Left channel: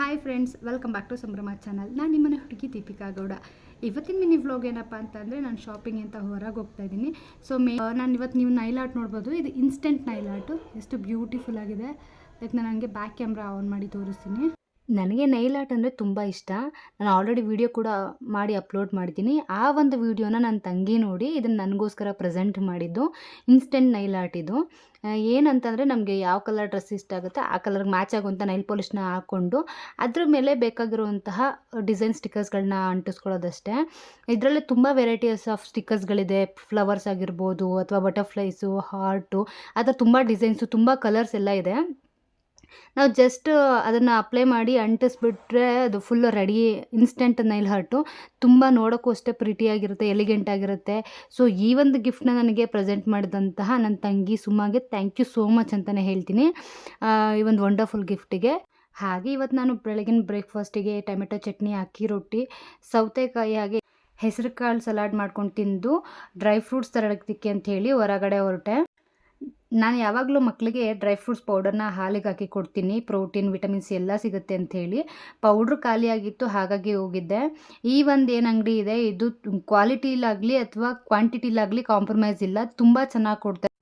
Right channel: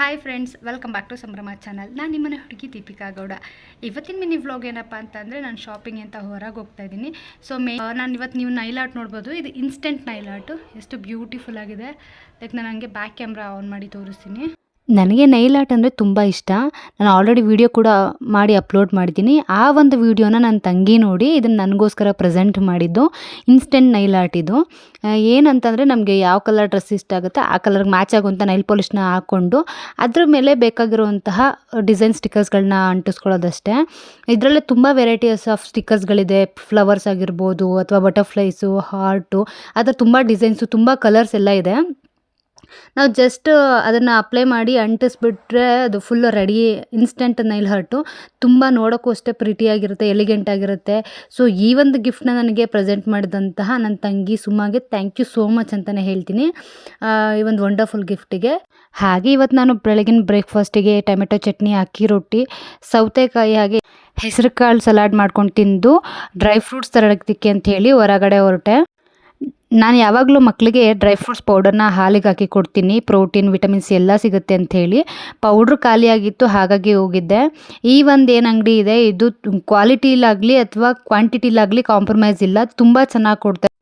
Hi friends, welcome back to Sambhrama channel. ನಾನು ನಿಮ್ಮನೆ ಹುಡುಗಿ ದೀಪಿಕಾ ಗೌಡ. ಇವತ್ತಿನ ಮಿನಿ ವ್ಲಾಗ್ ಏನಪ್ಪ ಅಂತಂದರೆ, ನಾನು ಶಾಪಿಂಗ್ ಅಂತ ಹೊರಗೆ ಹೋಗ್ತಾ ಇದ್ದೀನಿ. ಸೊ ನಾನು ಇವತ್ತು ನೀವು ನೈಲ್ ಆರ್ಟ್ ನೋಡ್ಬೋದು. ಇದು ಇನ್ಸ್ಟೆಂಟ್ ನೈಲ್ ಆರ್ಟು. ಎಷ್ಟು ಬ್ಯೂಟಿಫುಲ್ ಆಗಿದೆ. ಲೈಕ್ ನಾನು ಹಂಗೆ ಬ್ಯಾಕ್ ಕ್ಯಾಮ್ರಾ ಆನ್ ಮಾಡಿ ತೋರಿಸ್ತೀನಿ. ನನಗೆ ನೈಲ್ ಆರ್ಟ್ ಅಂದರೆ ತುಂಬ ಇಷ್ಟ. ನಾನು ಆಲ್ರೆಡಿ ವಿಡಿಯೋ ಕೂಡ ಮಾಡಿ ಅಪ್ಲೋಡ್ ಮಾಡಿದ್ದೀನಿ. ಆ ಒಂದು ವಿಡಿಯೋನ ನನ್ನ ತಂಗಿ ನೋಡಿ ಇದನ್ನು ನನಗೋಸ್ಕರ ಪ್ರೆಸೆಂಟ್ ಮಾಡಿದ್ದು. ಇನ್ಸ್ಟೆಂಟ್ ನೈಲ್ ಆರ್ಟ್ ಇದು. ಏನಂತಂದರೆ, ನಮಗೆ ಯಾವ ಕಲರ್ ಡ್ರೆಸ್ ಇಷ್ಟ ಆಗುತ್ತೆ ಆ ಕಲರ್ಗೆ ಮ್ಯಾಚ್ ಆಗುವಂಥ ನೈಲ್ ಪಾಲಿಷ್ನ ಹಾಕ್ಕೊಂಡು ಅದ್ರ ಮೇಲೆ ಬೇಕಾಗಿರುವಂತಹ ಡಿಸೈನ್ ಸ್ಟಿಕ್ಕರ್ಸ್ಗಳನ್ನ ಅಂಟಿಸ್ಕೊಳ್ಳೋದಷ್ಟೇ. ಇದರಲ್ಲೇ ತುಂಬ ವೆರೈಟೀಸ್ ಆಫ್ ಸ್ಟಿಕ್ಕರ್ಸ್ಗಳಿದೆ. ಫ್ಲವರ್ಸ್ ಆಗಿರ್ಬೋದು ಅಥವಾ ಬಟರ್ಫ್ಲೈಸು, ಹಾರ್ಟು, ಆ ಥರ ತುಂಬ ಡಿಸೈನ್ಸು, ತುಂಬ ಕಲರ್ಸ್ ಎಲ್ಲ ಇದೆ. ನಾವು ಜಸ್ಟ್ ಅದನ್ನು ಅಪ್ಲೈ ಮಾಡಿ ಅಂಟಿಸ್ಬಿಟ್ರೆ ಅದು full ready. Instant Nile art ತುಂಬ ನೋಡೋಕ್ಕೂ ಅಷ್ಟೇ ಪ್ರಿಟಿಯಾಗಿರುತ್ತೆ, ಎಲಿಗೆಂಟ್ ಆಗಿರುತ್ತೆ. ಸೊ ಈ ಒಂದು ಗಿಫ್ಟನ್ನ ನನಗೆ ಪ್ರೆಸೆಂಟ್ ಮಾಡಿದಂತಹ ನನ್ನ ತಂಗಿ ಸುಮ್ಮಾಗೆ ಥ್ಯಾಂಕ್ ಯು ಸೋ ಮಚ್ ಅಂತಲೇ ಹೇಳ್ತೀನಿ, ಈ ಒಂದು ವಂಡರ್ಫುಲ್ ಗಿಫ್ಟಿಗೆ. ಹಾಗೆ ಇವತ್ತು ನಾನು ಬೆಳಗಿನ ಬ್ರೇಕ್ಫಾಸ್ಟಿಗೆ ಟೊಮೆಟೊ ಚಟ್ನಿ, ಅಕ್ಕಿ ರೊಟ್ಟಿ, ಸೌತೆಕಾಯಿ ಹಾಗೆ ಹೆಸರು ಕಾಳು ಸಲಾಡ್ ಮಾಡ್ಕೊಂಡು ತಿಂದು ಡ್ರೈ ಫ್ರೂಟ್ಸ್ ತರೋದಕ್ಕೆ ಅಂತ ಹೇಳಿ ಹೊರಗಡೆ ಹೊರಟೆ. ನಾನು ಯಾವಾಗಲೂ ಮಕ್ಕಳಿಗೆ ಡ್ರೈ ಫ್ರೂಟ್ಸ್ ಪೌಡರ್ನ ಹಾಲಿಗೆ ಹಾಕಿ ಕೊಡ್ತೀನಿ. ಪ್ರೋಟೀನ್, ವಿಟಮಿನ್ಸ್ ಎಲ್ಲ ಸಿಗುತ್ತೆ ಅಂಥೇಳಿ. ಪೌಡ್ರ್ ಖಾಲಿಯಾಗಿತ್ತು, ಹಾಗಾಗಿ ಹೋಗಿದ್ದೆ. ಈ ಒಂದು ಏನು ಅಂಗಡಿ ಇದೆ, ಇದು ಕ್ವಾಲಿಟಿಲಾಗಲಿ ಅಥವಾ ಕ್ವಾಂಟಿಟಿಲಾಗಲಿ ಕಾಂಪ್ರಮೈಸ್ ಇಲ್ಲ, ತುಂಬ ಚೆನ್ನಾಗಿ ಕೊಡ್ತಾರೆ.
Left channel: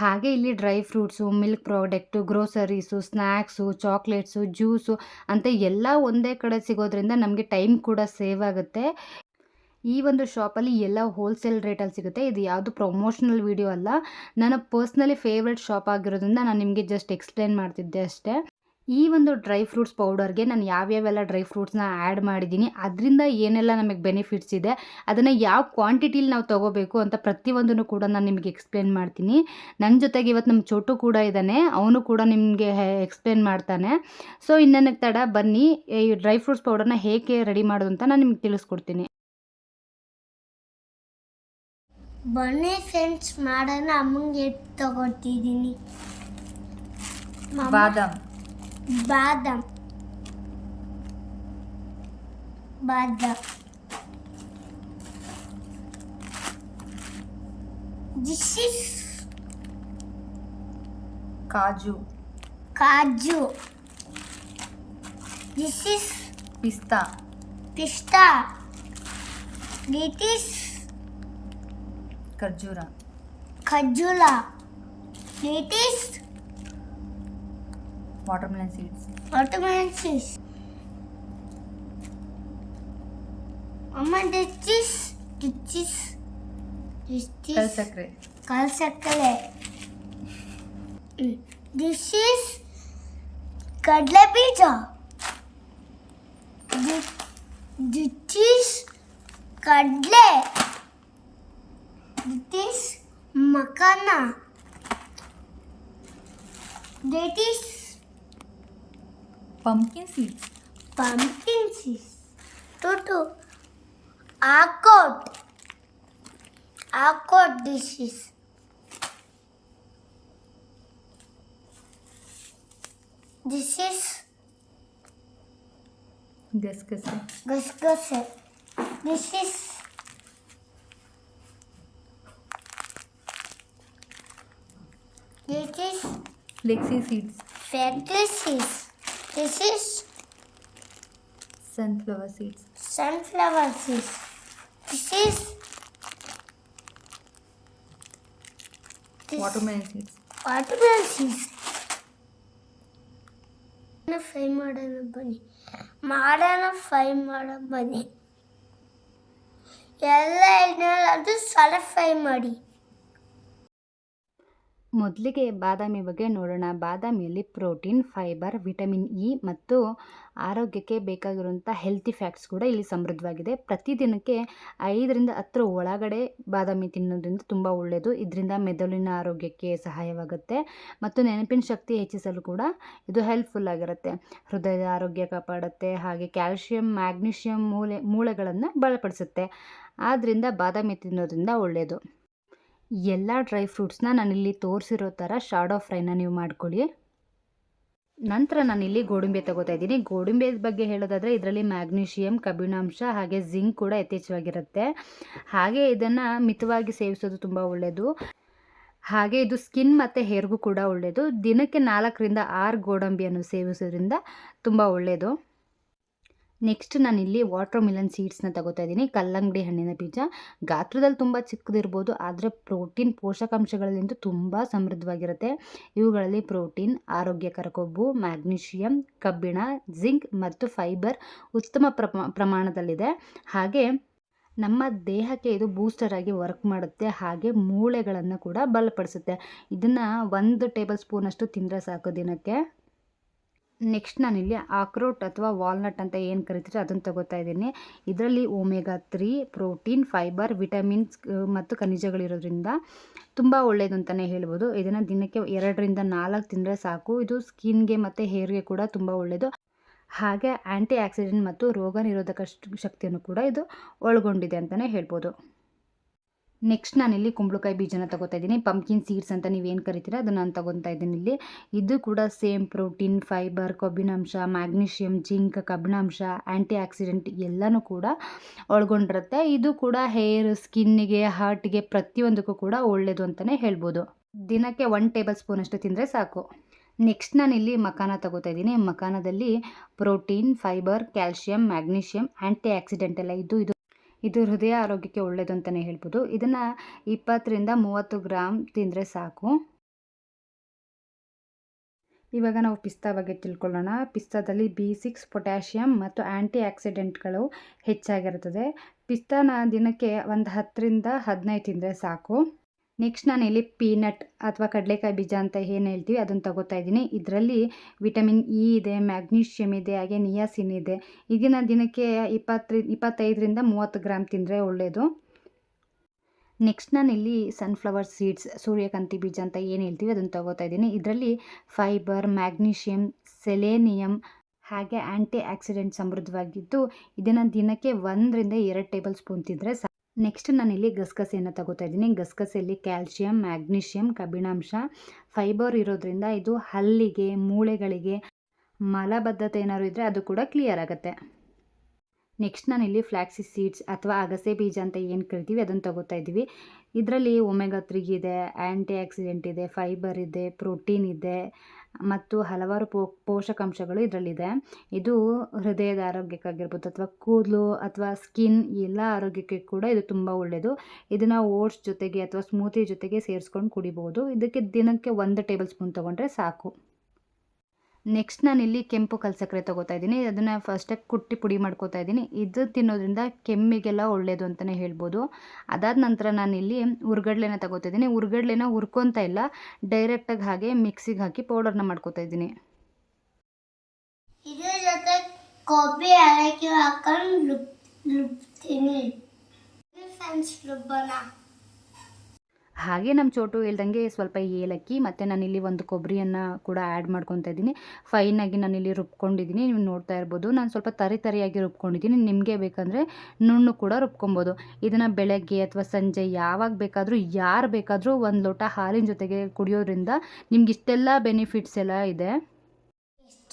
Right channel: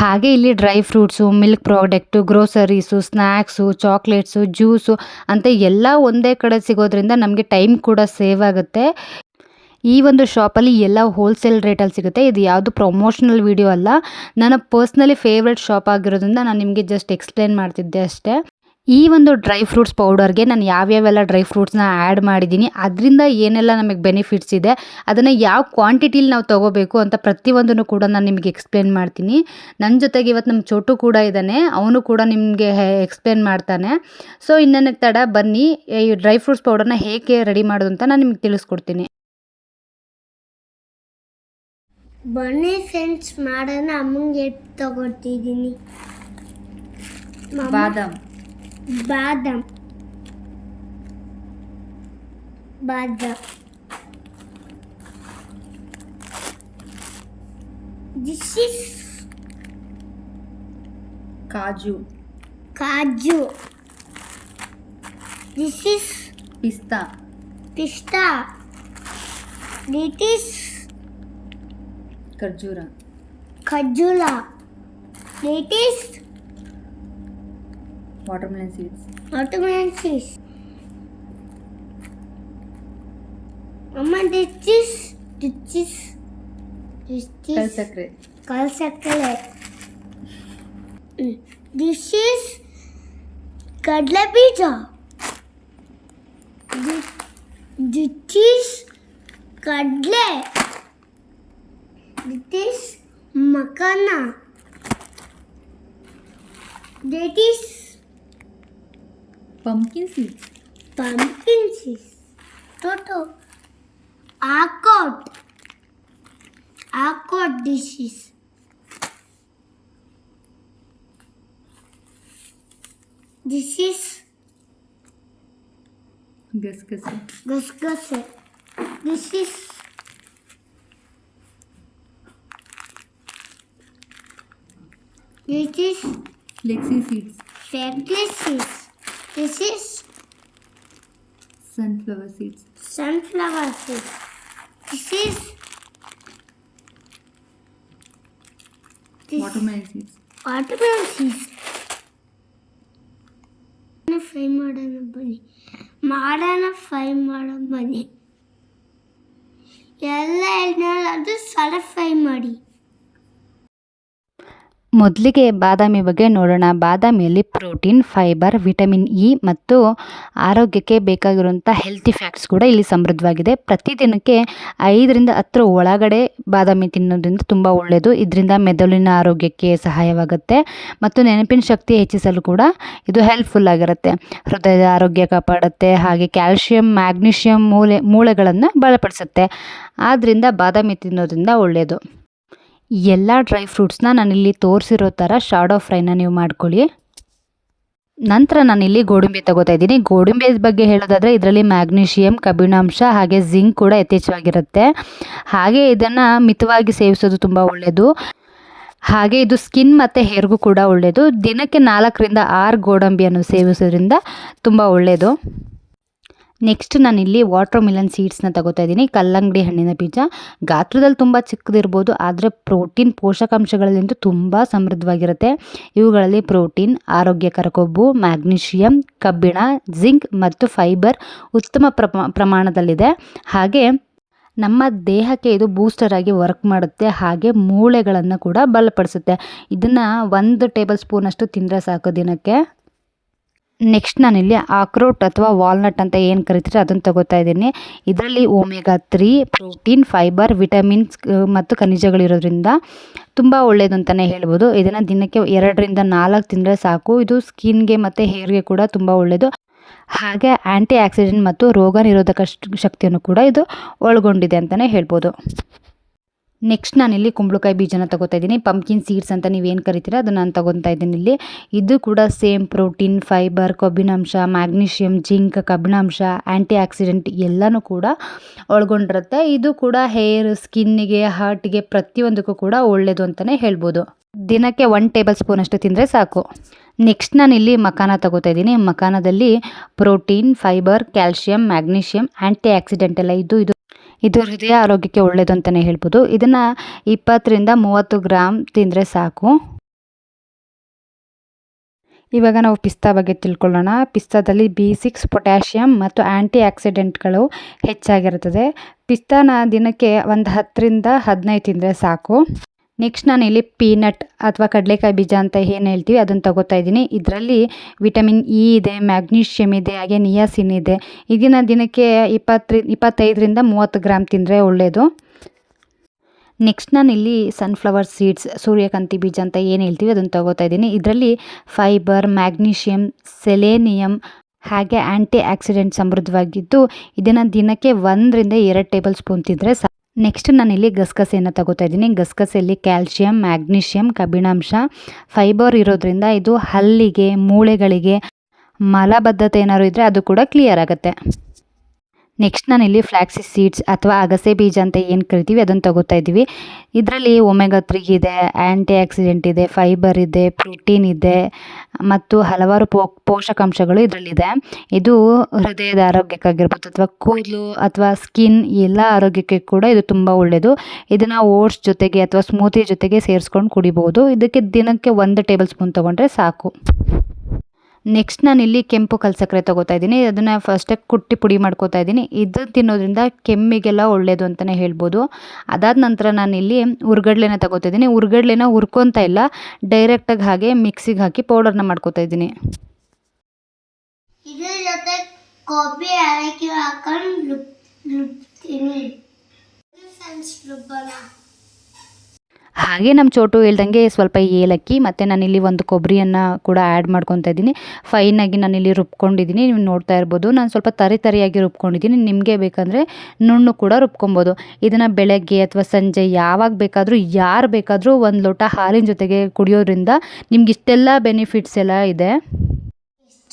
ಹಾಗೆ ಇಲ್ಲಿ dry fruits, milk product, groceries, snacks, chocolates, juice ಅಂತ ಎಲ್ಲ ಒಂದೇ ಕಡೆ ಸಿಗೋದ್ರಿಂದ ನಮಗೆ ಟೈಮ್ ಕೂಡ ಸೇವ್ ಆಗುತ್ತೆ. ಈ ಒಂದು ಶಾಪಲ್ಲಿ ಎಲ್ಲ ಹೋಲ್ಸೇಲ್ ರೇಟಲ್ಲಿ ಸಿಗುತ್ತೆ. ಇದು ಯಾವುದು ಪ್ರಮೋಷನಲ್ ವಿಡಿಯೋ ಅಲ್ಲ, ನನ್ನ ಪರ್ಸ್ನಲಿ ಫೇವ್ರೆಟ್ ಶಾಪ್ ಆಗಿರೋದ್ರಿಂದ ನಾನು ನಿಮಗೆ ಜಸ್ಟ್ ಎಕ್ಸ್ಪ್ಲೇನ್ ಮಾಡ್ತಿದ್ದೆ ಅಷ್ಟೇ. ಈ ಒಂದು ಡ್ರೈ ಫ್ರೂಟ್ಸ್ ಪೌಡರ್ಗೆ ನಾನು ಯಾವ್ಯಾವೆಲ್ಲ ಡ್ರೈ ಫ್ರೂಟ್ಸ್ನ ಆ್ಯಡ್ ಮಾಡಿದ್ದೀನಿ, ಅದರಿಂದ ಏನೆಲ್ಲ ನಮಗೆ ಬೆನಿಫಿಟ್ಸ್ ಇದೆ, ಅದನ್ನು ಯಾವ ಕ್ವಾಂಟಿಟಿಲಿ ನಾವು ತೊಗೋಬೇಕು ಅಂತ ಪ್ರತಿಯೊಂದನ್ನು ಕೂಡ ನಾನು ನಿಮಗೆ ಎಕ್ಸ್ಪ್ಲೇನ್ ಮಾಡ್ತೀನಿ. ನನ್ನ ಜೊತೆಗೆ ಇವತ್ತು ನಮ್ಮ ಚೋಟು ಕೂಡ ಇದ್ದಾನೆ, ಅವನು ಕೂಡ ನಿಮಗೆ ಎಕ್ಸ್ಪ್ಲೇನ್ ಮಾಡ್ತಾನೆ. ಸೊ ಇನ್ನೇನಕ್ಕೆ ತಡ, ಬನ್ನಿ ಈ ಡ್ರೈ ಫ್ರೂಟ್ಸ್ ಪೌಡರ್ನ ಹೇಗೆ ರೆಡಿ ಮಾಡೋದು ಅಂತ ನಾನು ನಿಮ್ಗೆ ತಿಳಿಸ್ಕೊಡ್ತೀನಿ. ಬನ್ನಿ ಫ್ರೆಂಡ್ಸ್ ಮಾಡೋಣ. ಅಮ್ಮಂಗೆ ತಗೊಳ್ತಿದ್ದೀನಿ. ಬಾದಾಮ್ ಬಾದಾಮ್ ಬಾದಾಮ್ this is kaju, kaju. This is ಪಿಸ್ತಾ, ಪಿಸ್ತಾ. This is kharjoora, khajoora. This is watermelon seeds, watermelon seeds. Mama, this is kalsakre, kalsakkare. This is kadale beeja. This is kadale. This is makhana. That is pumpkin seeds, pumpkin seeds. Toto. Accord. Accord dishes. This is ಗಸಗಸೆ, ಗಸಗಸೆ. This is flexi seeds, flax seeds. This is sunflower seeds, sunflower seeds. This is watermelon seeds. watermelon seeds. Fry ಮಾಡೋಣ ಬನ್ನಿ. ಎಲ್ಲ ಎಣ್ಣೆಯಲ್ಲಿ ಅದು ಸ್ವಲ್ಪ fry ಮಾಡಿ. ಮೊದಲಿಗೆ ಬಾದಾಮಿ ಬಗ್ಗೆ ನೋಡೋಣ. ಬಾದಾಮಿಯಲ್ಲಿ ಪ್ರೋಟೀನ್, ಫೈಬರ್, ವಿಟಮಿನ್ ಇ ಮತ್ತು ಆರೋಗ್ಯಕ್ಕೆ ಬೇಕಾಗಿರುವಂಥ ಹೆಲ್ತಿ ಫ್ಯಾಕ್ಟ್ಸ್ ಕೂಡ ಇಲ್ಲಿ ಸಮೃದ್ಧವಾಗಿದೆ. ಪ್ರತಿದಿನಕ್ಕೆ 5ರಿಂದ 10 ಒಳಗಡೆ ಬಾದಾಮಿ ತಿನ್ನೋದ್ರಿಂದ ತುಂಬ ಒಳ್ಳೆಯದು. ಇದರಿಂದ ಮೆದುಳಿನ ಆರೋಗ್ಯಕ್ಕೆ ಸಹಾಯವಾಗುತ್ತೆ ಮತ್ತು ನೆನಪಿನ ಶಕ್ತಿ ಹೆಚ್ಚಿಸಲು ಕೂಡ ಇದು ಹೆಲ್ಪ್ಫುಲ್ ಆಗಿರುತ್ತೆ. ಹೃದಯದ ಆರೋಗ್ಯ ಕಾಪಾಡುತ್ತೆ, ಹಾಗೆ ಕ್ಯಾಲ್ಶಿಯಂ, ಮ್ಯಾಗ್ನೀಷಿಯಂ, ಮೂಳೆಗಳನ್ನು ಬಲಪಡಿಸುತ್ತೆ. ಆದ್ದರಿಂದ ಬಾದಾಮಿ ತಿನ್ನೋದ್ರಿಂದ ಒಳ್ಳೆಯದು. ಎಲ್ಲ ಡ್ರೈ ಫ್ರೂಟ್ಸ್ನ ನಾನಿಲ್ಲಿ ತೋರಿಸಿರೋ ಥರ ಶಾಡೋ ಫ್ರೈನ ನೀವು ಮಾಡ್ಕೊಳ್ಳಿ. ನಂತರ ನಾನಿಲ್ಲಿ ಗೋಡಂಬಿ ತಗೋತಾ ಇದ್ದೀನಿ. ಗೋಡಂಬಿ ಬಗ್ಗೆ ಹೇಳೋದಾದರೆ ಇದರಲ್ಲಿ ಮ್ಯಾಗ್ನೀಷಿಯಂ, ಕಬ್ಬಿಣಾಂಶ ಹಾಗೆ ಜಿಂಕ್ ಕೂಡ ಯಥೇಚ್ಛವಾಗಿರುತ್ತೆ. ಹಾಗೆ ಇದನ್ನು ಮಿತವಾಗಿ ಸೇವಿಸೋದು ತುಂಬ ಒಳ್ಳೆಯದು. ಹಾಗೆ ಇದು ಸ್ಕಿನ್ ಮತ್ತು ಹೇರ್ಗೂ ಕೂಡ ಒಳ್ಳೆಯದು. ದಿನಕ್ಕೆ 4ರಿಂದ 6 ಗೋಡಂಬಿಯನ್ನು ಸೇವಿಸೋದ್ರಿಂದ ತುಂಬ ಒಳ್ಳೆಯದು. ನೆಕ್ಸ್ಟ್ ನಾನಿಲ್ಲಿ ವಾಟರ್ ಮಿಲನ್ ಸೀಡ್ಸ್ನ ತಗೋತಾ ಇದ್ದೀನಿ. ಕಲ್ಲಂಗಡಿ ಹಣ್ಣಿನ ಬೀಜ ಗಾತ್ರದಲ್ಲಿ ತುಂಬ ಚಿಕ್ಕದಿರ್ಬೋದು, ಆದರೆ ಪ್ರೋಟೀನ್ ಪೋಷಕಾಂಶಗಳಲ್ಲಂತೂ ತುಂಬ ಸಮೃದ್ಧವಾಗಿರುತ್ತೆ. ಇವುಗಳಲ್ಲಿ ಪ್ರೋಟೀನ್, ಆರೋಗ್ಯಕರ ಕೊಬ್ಬು, ಮ್ಯಾಗ್ನೀಷಿಯಂ, ಕಬ್ಬಿಣ, ಜಿಂಕ್ ಮತ್ತು ಫೈಬರ್ ಉತ್ತಮ ಪ್ರಮಾಣದಲ್ಲಿದೆ. ಹಾಗೆ ನಮ್ಮ ದೇಹಕ್ಕೆ ಇದು ಬೂಸ್ಟರ್ ಆಗಿ ವರ್ಕ್ ಮಾಡುತ್ತೆ. ಹಾಗೆ ಮೂಳೆಗಳನ್ನು ಕೂಡ ಬಲಪಡಿಸುತ್ತೆ. ಇದನ್ನು 1 ಟೇಬಲ್ ಸ್ಪೂನಷ್ಟು ತಿಂದರೆ ಸಾಕು ದಿನಕ್ಕೆ. ನೆಕ್ಸ್ಟ್ ನಾನಿಲ್ಲಿ ಆಕ್ರೋಟ್ ಅಥವಾ ವಾಲ್ನಟ್ ಅಂತ ಏನು ಕರಿತೀರಿ ಅದನ್ನು ತಗೋತಾ ಇದ್ದೀನಿ. ಇದರಲ್ಲಿ ಒಮೆಗಾ 3 ಪ್ರೋಟೀನ್, ಫೈಬರ್, ವಿಟಮಿನ್ಸ್ ಮತ್ತು ಖನಿಜಗಳಿರೋದ್ರಿಂದ ತುಂಬ ಒಳ್ಳೆಯದು ಅಂತಲೇ ಹೇಳ್ಬೋದು. ಇದನ್ನು ದಿನಕ್ಕೆ 2ರಿಂದ 4 ತಿಂದರೆ ಸಾಕು. ಇದು ಸ್ಕಿನ್ಗೆ ಮತ್ತು ಹೇರ್ಗೆ ಕೂಡ ತುಂಬ ಒಳ್ಳೆಯದು. ಹಾಗೆ ಆ್ಯಂಟಿ ಆಕ್ಸಿಡೆಂಟ್ ಮತ್ತು ರೋಗ ನಿರೋಧಕ ಶಕ್ತಿಯನ್ನು ಕೂಡ ಇದು ಒಳಗೊಂಡಿದೆ ಅಂತಲೇ ಹೇಳ್ಬೋದು. ನೆಕ್ಸ್ಟ್ ನಾನಿಲ್ಲಿ ಕುಂಬಳಕಾಯಿ ಬೀಜನ ತಗೋತಾ ಇದ್ದೀನಿ. ಪಂಪ್ಕಿನ್ ಸೀಡ್ಸ್ ಅಂತ ನೀವೇನು ಕರಿತೀರ ಅದನ್ನು ನಾನು ತಗೊತಾ ಇದ್ದೀನಿ ಇಲ್ಲಿ. ಇದು ಕೂಡ ಸೇಮ್ ಪ್ರೋಟೀನ್, ಫೈಬರ್, ಕೊಬ್ಬಿನಾಂಶ, ಮ್ಯಾಗ್ನೀಷಿಯಂ, ಜಿಂಕ್, ಕಬ್ಬಿಣಾಂಶ, ಆ್ಯಂಟಿ ಆಕ್ಸಿಡೆಂಟ್ ಎಲ್ಲನೂ ಕೂಡ ಒಳಗೊಂಡಿರುತ್ತೆ. ಇದು ಕೂಡ ಹೇರ್, ಸ್ಕಿನ್ನಿಗೆ, ಹಾರ್ಟ್ಗೆ ಪ್ರತಿಯೊಂದಕ್ಕೂ ಕೂಡ ಒಳ್ಳೆಯದು ಅಂತಲೇ ಹೇಳ್ಬೋದು. ದಿನಕ್ಕೆ 1 ಟೇಬಲ್ ಸ್ಪೂನಷ್ಟು ತಿಂದರೆ ಸಾಕು. ನೆಕ್ಸ್ಟ್ ನಾನಿಲ್ಲಿ ಮಕಾನ ತಗೋತಾ ಇದ್ದೀನಿ. ಮಕಾನದಲ್ಲಿ protein, fibre, calcium, magnesium, anti oxidant ಎಲ್ಲ ಇದು ಹೃದಯ ಆರೋಗ್ಯಕ್ಕೆ ಒಳ್ಳೆಯದು ಅಂತಲೇ ಹೇಳ್ಬೋದು. ಇದನ್ನು 20ರಿಂದ 30 ಗ್ರಾಮ್ ತಿಂದರೆ ಸಾಕು. ಇವಾಗ ನಾವು ಪಿಸ್ತಾ ಬಗ್ಗೆ ತಿಳ್ಕೊಳ್ಳೋಣ. ಪಿಸ್ತಾದಲ್ಲಿ B6, ಪೊಟ್ಯಾಷಿಯಮ್ ಮತ್ತು ಆ್ಯಂಟಿ ಆಕ್ಸಿಡೆಂಟ್ಗಳು ಹೆಚ್ಚಾಗಿರುತ್ತದೆ. ಪಿಸ್ತಾನ ದಿನಕ್ಕೆ ಒಂದು 10ರಿಂದ 15 ತಿಂದರೆ ಸಾಕು. ನೆಕ್ಸ್ಟ್ ನಾನಿಲ್ಲಿ ಪೀನಟ್ ಅಥವಾ ಕಡಲೆಕಾಯಿ ಬೀಜ ಅಂತ ಏನು ಹೇಳ್ತೀವಿ ಅದನ್ನು ತಗೋತಾ ಇದ್ದೀನಿ. ಇದರಲ್ಲಿ ವಿಟಮಿನ್ ಇ ಇದೆ, ಮ್ಯಾಗ್ನೀಷಿಯಮ್ ಇದೆ, ಹಾಗೆ ನಿಯಾಸಿನ್ ಇದೆ. ಇದನ್ನು ದಿನಕ್ಕೆ 25ರಿಂದ 30 ಗ್ರಾಮ್ ತಿಂದರೆ ಒಳ್ಳೆಯದು. ನೆಕ್ಸ್ಟ್ ನಾನಿಲ್ಲಿ ಸನ್ಫ್ಲವರ್ ಸೀಡ್ಸ್, ಸೂರ್ಯಕಾಂತಿ ಬೀಜ ಅಂತ ಏನು ಹೇಳ್ತೀವಿ ಅದನ್ನು ತಗೋತಾ ಇದ್ದೀನಿ. ಇದರಲ್ಲಿ ಫೈಬರ್, ಮ್ಯಾಗ್ನೀಷಿಯಮ್, ಸೆಲೆನಿಯಮ್ ಹಾಗೆ ಆ್ಯಂಟಿ ಆಕ್ಸಿಡೆಂಟ್ ಸಮೃದ್ಧವಾಗಿದ್ದು ಇದನ್ನು ದಿನಕ್ಕೆ 1ರಿಂದ 2 ಟೇಬಲ್ ಸ್ಪೂನ್ ತಿಂದರೆ ಸಾಕು. ನೆಕ್ಸ್ಟ್ ನಾನಿಲ್ಲಿ ಗಸಗಸೆಯನ್ನು ತಗೋತಾ ಇದ್ದೀನಿ. ಗಸಗಸೆಯಲ್ಲಿ ಕ್ಯಾಲ್ಶಿಯಂ, ಮ್ಯಾಗ್ನೀಷಿಯಂ, ಕಬ್ಬಿಣಾಂಶ, ಫೈಬರ್ ಇರೋದ್ರಿಂದ ಇದು ಹಲ್ಲಿಗೆ, ಮೂಳೆಗಳಿಗೆ, ಮಲಬದ್ಧತೆ ಏನಾದ್ರು ಇದ್ದರೆ ಅದು ಕೂಡ ಕ್ಲಿಯರ್ ಆಗುತ್ತೆ. ನೆಕ್ಸ್ಟ್ ನಾನಿಲ್ಲಿ ಫ್ಲ್ಯಾಕ್ಸಿಸ್ ಸೀಡ್ಸ್ ಅಥವಾ ಅಗಸೆ ಬೀಜ ಅಂತ ಏನು ಕರಿತೀವಿ ಅದನ್ನು ತಗೋತಾ ಇದ್ದೀವಿ. ಇದರಲ್ಲಿ ಒಮೆಗಾ 3 ಇದೆ, ಆ್ಯಂಟಿ ಆಕ್ಸಿಡೆಂಟ್ ಇದೆ, ಫೈಬರ್ ಇದೆ, ಪ್ರೋಟೀನ್ ಇದೆ ಮತ್ತು ಹಲವಾರು ಪೋಷಕಾಂಶಗಳು ಇದರಲ್ಲಿದೆ. ಇದು ಹೃದಯದ ಆರೋಗ್ಯಕ್ಕಾಗಿರ್ಬೋದು ಅಥವಾ ಕೂದಲು ಅಥವಾ ಸ್ಕಿನ್ ಎಲ್ಲ ಆರೋಗ್ಯಕ್ಕೆ ಕೂಡ ಇದು ತುಂಬ ಒಳ್ಳೆಯದು. ಇದನ್ನು ಓಟ್ಸ್ ಜೊತೆಗೆ ಅಥವಾ ಸ್ಮೂತಿ ಜೊತೆಗೆ ಸೇರಿಸ್ಕೊಂಡು ಕುಡಿಬೋದು. ಇದಕ್ಕೆ ದಿನಕ್ಕೆ 1 ಟೇಬಲ್ ಸ್ಪೂನ್ ತೊಗೊಂಡ್ರೆ ಸಾಕು. ನೆಕ್ಸ್ಟ್ ನಾನಿಲ್ಲಿ ಕೆಂಪು ಕಲ್ಸಕ್ಕರೆ ತೊಗೋತಾ ಇದ್ದೀನಿ. ಅದನ್ನು ಫಸ್ಟಾಗಿ ಕುಟ್ಟಿ ಪುಡಿ ಮಾಡ್ಕೋತಾ ಇದ್ದೀನಿ. ಇದು ತಿನ್ನೋದ್ರಿಂದ ಕೆಮ್ಮಿಗೆಲ್ಲ ಒಳ್ಳೆಯದು ಅಂತಲೇ ಹೇಳ್ಬೋದು. ಅದಾದ ನಂತರ ನಾನಿಲ್ಲಿ ಹುರ್ಗಡ್ಲೆನ ತಗೋತಾ ಇದ್ದೀನಿ. ಹುರ್ಗಡ್ಲೆನ ಹುರ್ಕೊತಾ ಇಲ್ಲ, ಡೈರೆಕ್ಟಾಗಿ ಹಾಗೆ ಮಿಕ್ಸಿಗೆ ಹಾಕಿ ಪೌಡರ್ನ ಮಾಡ್ಕೋತಾ ಇದ್ದೀನಿ. ಇದ್ರ ಜೊತೆ ಕಾಫಿ ಏಲಕ್ಕಿ ಹಾಕೊಂಡು ರುಬ್ತೀನಿ. ಹಾಗೆ ನಮ್ಮ ಚೋಟು ಹೇಳ್ದಂಗೆ ಸ್ವಲ್ಪ ಏಲಕ್ಕಿ ಮತ್ತು ನಾನಿಲ್ಲಿ ಒಂದು ಕೊಬ್ಬರಿಯನ್ನು ಕೂಡ ಆ್ಯಡ್ ಮಾಡ್ಕೊತಾ ಇದ್ದೀನಿ. ಫೈನಾಗಿ ನಾನಿಲ್ಲಿ ರುಬ್ಕೊಂಡಿದ್ದೀನಿ. ನೀವು ನೋಡ್ತಾ ಇರ್ಬೋದು, ನಾನು ಸ್ವಲ್ಪ ತರಿಯಾಗಿ ರುಬ್ಕೊಂಡಿದ್ದೀನಿ. ನಿಮಗೆ ಬೇಕಂದರೆ ನುಣ್ಣು ಕೂಡ ರುಬ್ಕೊಬೋದು. ಇದನ್ನು ಬೆಳಗ್ಗೆ ಅಥವಾ ಸಂಜೆ ಯಾವಾಗ ಬೇಕಾದರೂ ಯಾರು ಬೇಕಾದರೂ 1 ಲೋಟ ಹಾಲಿನ ಜೊತೆಗೆ ಕುಡಿಯೋದ್ರಿಂದ ನಿಮ್ಗೆ ಇಷ್ಟೆಲ್ಲ ಬೆನಿಫಿಟ್ಸ್ ಎಲ್ಲ ಇದೆ.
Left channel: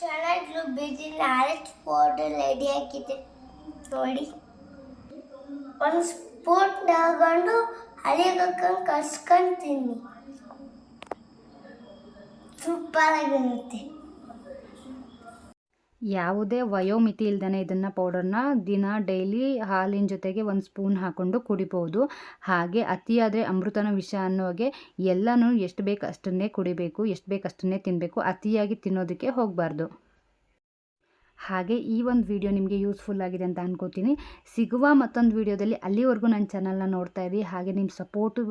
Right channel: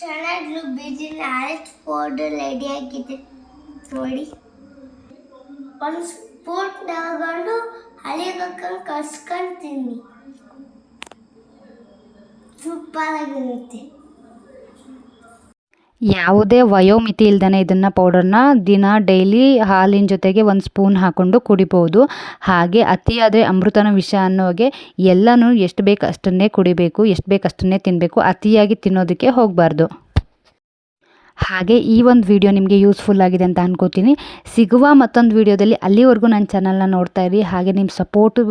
ಚೆನ್ನಾಗಿ ರುಬ್ಬಿದ್ದೀನಿ. ಅರೆಸ್ಟ್ ಪೌಡರ್ ರೆಡಿ ಆಗಿದೆ ನೋಡಿ. 1 ಸ್ಪೂನ್ ತಗೊಂಡು ಹಳಿಗೆ ಹಾಕೊಂಡು ಕಸ್ಕೊಂತೀನಿ. ಸೂಪರಾಗಿರುತ್ತೆ. ಯಾವುದೇ ವಯೋಮಿತಿ ಇಲ್ದೇ ಇದನ್ನು ಪೌಡರ್ನ ಡೈಲಿ ಹಾಲಿನ ಜೊತೆಗೆ 1 ಸ್ಪೂನ್ ಹಾಕ್ಕೊಂಡು ಕುಡಿಬೋದು. ಹಾಗೆ ಅತಿಯಾದರೆ ಅಮೃತನ ವಿಷ ಅನ್ನೋ ಹಾಗೆ ಎಲ್ಲನೂ ಎಷ್ಟು ಬೇಕು ಅಷ್ಟನ್ನೇ ಕುಡಿಬೇಕು, ಎಷ್ಟು ಬೇಕು ಅಷ್ಟನ್ನೇ ತಿನ್ನಬೇಕು. ಅತಿಯಾಗಿ ತಿನ್ನೋದಕ್ಕೆ ಹೋಗಬಾರ್ದು. ಹಾಗೆ ಈ ಒಂದು ವಿಡಿಯೋ ನಿಮಗೆ ಯೂಸ್ಫುಲ್ ಆಗಿದೆ ಅಂತ ಅನ್ಕೋತೀನಿ. ಸಿಗುವ ಮತ್ತೊಂದು ವಿಡಿಯೋದಲ್ಲಿ, ಅಲ್ಲಿವರೆಗೂ ನನ್ನ ಚಾನಲ್ನ ನೋಡ್ತಾ ಇರಿ. ಹಾಗೆ ನಿಮ್ಮ ಸಪೋರ್ಟು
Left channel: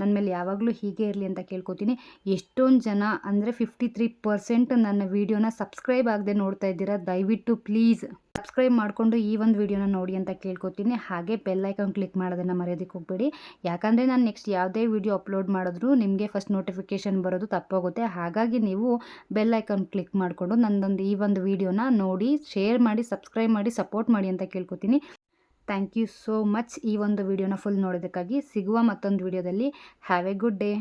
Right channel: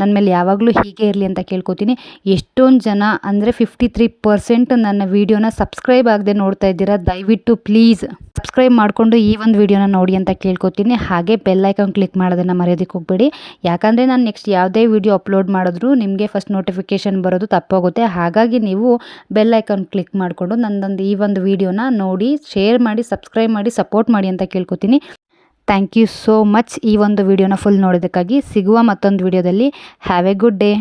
ನನ್ನ ಮೇಲೆ ಯಾವಾಗಲೂ ಹೀಗೆ ಇರಲಿ ಅಂತ ಕೇಳ್ಕೊತೀನಿ. ಎಷ್ಟೊಂದು ಜನ ಅಂದರೆ 53% ನನ್ನ ವಿಡಿಯೋನ ಸಬ್ಸ್ಕ್ರೈಬ್ ಆಗದೆ ನೋಡ್ತಾ ಇದ್ದೀರಾ. ದಯವಿಟ್ಟು ಪ್ಲೀಸ್ ಸಬ್ಸ್ಕ್ರೈಬ್ ಮಾಡಿಕೊಂಡು ಈ ಒಂದು ವಿಡಿಯೋನ ನೋಡಿ ಅಂತ ಕೇಳ್ಕೊತೀನಿ. ಹಾಗೆ ಬೆಲ್ ಐಕಾನ್ ಕ್ಲಿಕ್ ಮಾಡೋದನ್ನು ಮರೆಯೋದಕ್ಕೆ ಹೋಗಬೇಡಿ. ಯಾಕಂದರೆ ನಾನು ನೆಕ್ಸ್ಟ್ ಯಾವುದೇ ವಿಡಿಯೋ ಅಪ್ಲೋಡ್ ಮಾಡಿದ್ರು ನಿಮಗೆ ಫಸ್ಟ್ ನೋಟಿಫಿಕೇಷನ್ ಬರೋದು ತಪ್ಪೋಗುತ್ತೆ. ಹಾಗಾಗಿ ನೀವು ಬೆಲ್ ಐಕಾನ್ ಕ್ಲಿಕ್ ಮಾಡಿಕೊಂಡು ನನ್ನದೊಂದು ಈ ಒಂದು ವಿಡಿಯೋನ ನೋಡಿ, ಶೇರ್ ಮಾಡಿ, ಸಬ್ಸ್ಕ್ರೈಬ್ ಮಾಡಿ, ಸಪೋರ್ಟ್ ಮಾಡಿ ಅಂತ ಕೇಳ್ಕೊತೀನಿ. ಥ್ಯಾಂಕ್ ಯು ಸೋ ಮಚ್ ಈ ಒಂದು ವಿಡಿಯೋನ ಫುಲ್ ನೋಡೋದಕ್ಕಾಗಿ. ಸಿಗುವ ಮತ್ತೊಂದು ವಿಡಿಯೋದಲ್ಲಿ. Have A good day.